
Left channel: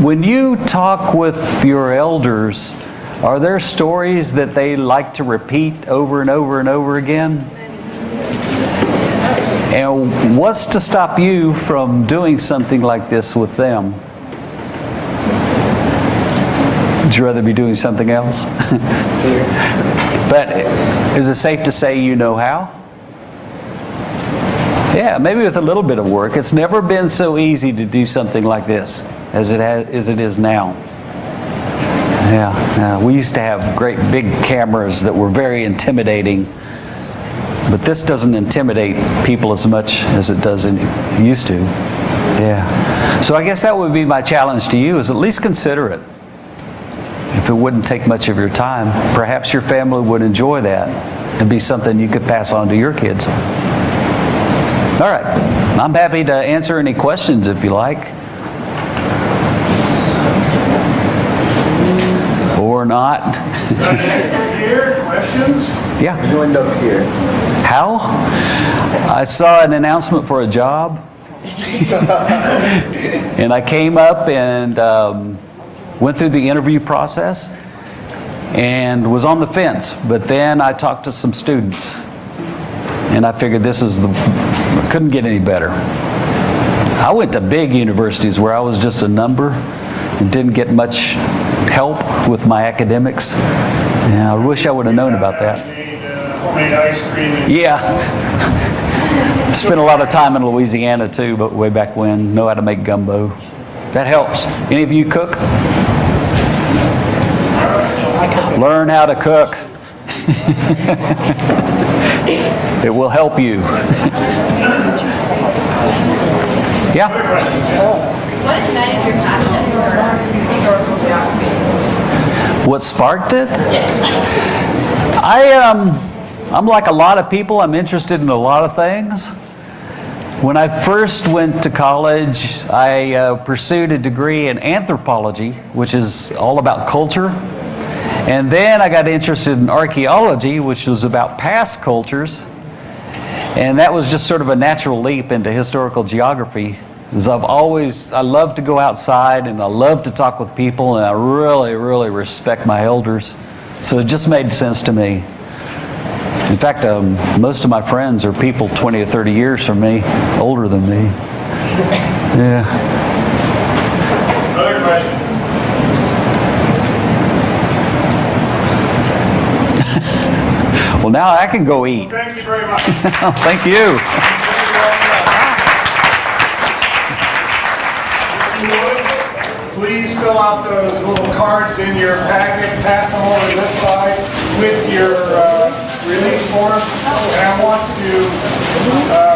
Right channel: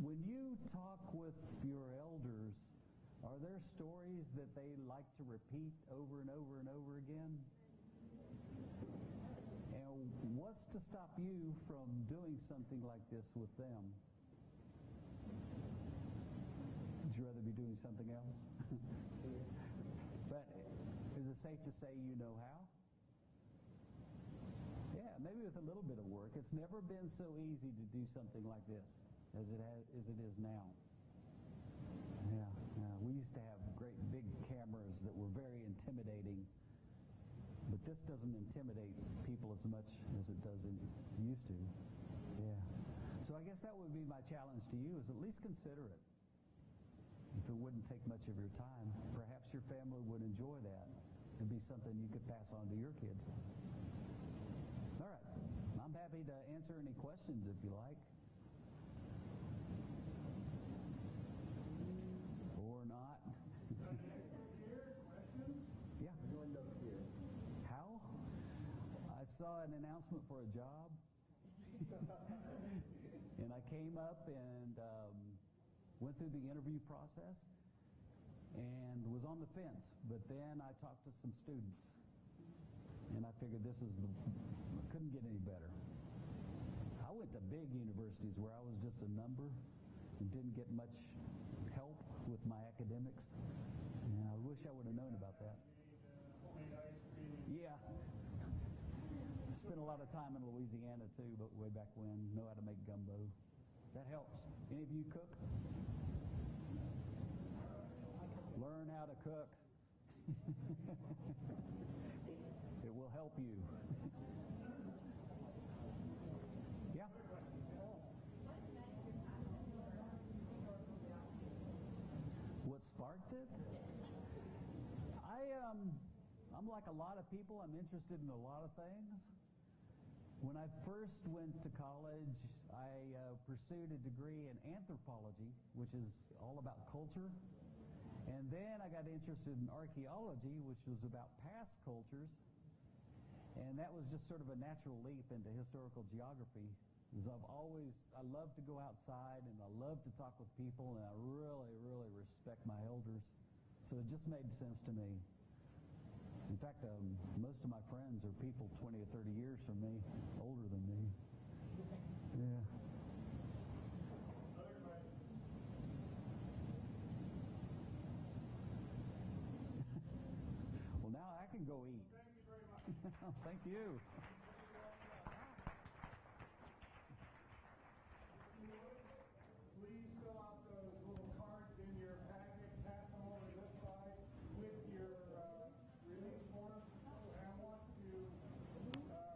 When you talk with your elders, are there stories that they like to repeat over and over and over again? And what's to stop you from doing something like this with them? Would you rather be doing something else? But is it safe to say you know how? Yeah, maybe with a little bit of work. It's never been so easy to do something like this as it is now. Yeah, we used to have great big cameras that were very intimidating. But this doesn't intimidate people as much as it does used to. Yeah. So I guess that would be my challenge to you, is at least consider it. If it wouldn't take much of your time, perhaps your family would enjoy that and be something you could pass on to your kids. All right. I'm happy to answer any questions if you like. Or not. Here, questions? Yeah. Joined up here. How? I saw an announcement for a job. And I came up and went through the interview process and was on the fence. But then I talked to some students. And I figured couldn't get any better. I went to big universities where I was just a number and didn't get much help with my academics. And I wish I would have known about that. Homemade ice cream. Yeah. Spent a lot of time in Louisiana too, but way back when. Know how to make gumbo. That helps. Any of you cook? Learn how to cook. It will help you. Yeah? What ignited your passion for historical geography? What sparked it? Yes. I'm like a lot of people. I'm interested in a lot of things. When I first went to college, I pursued a degree in anthropology, which is all about culture. And then I got interested in archaeology, which was about past cultures. And that was just sort of a natural leap into historical geography. Because I love to go outside and I love to talk with people, and I really, really respect my elders. So it just made sense to me. In fact, most of my friends are people 20 or 30 years from me, older than me. Yeah. Another question. Well, now I can go eat. Thank you very much. Thank you. Please fill out those little cards in your packet, pass them over to this side with your release form. And I want to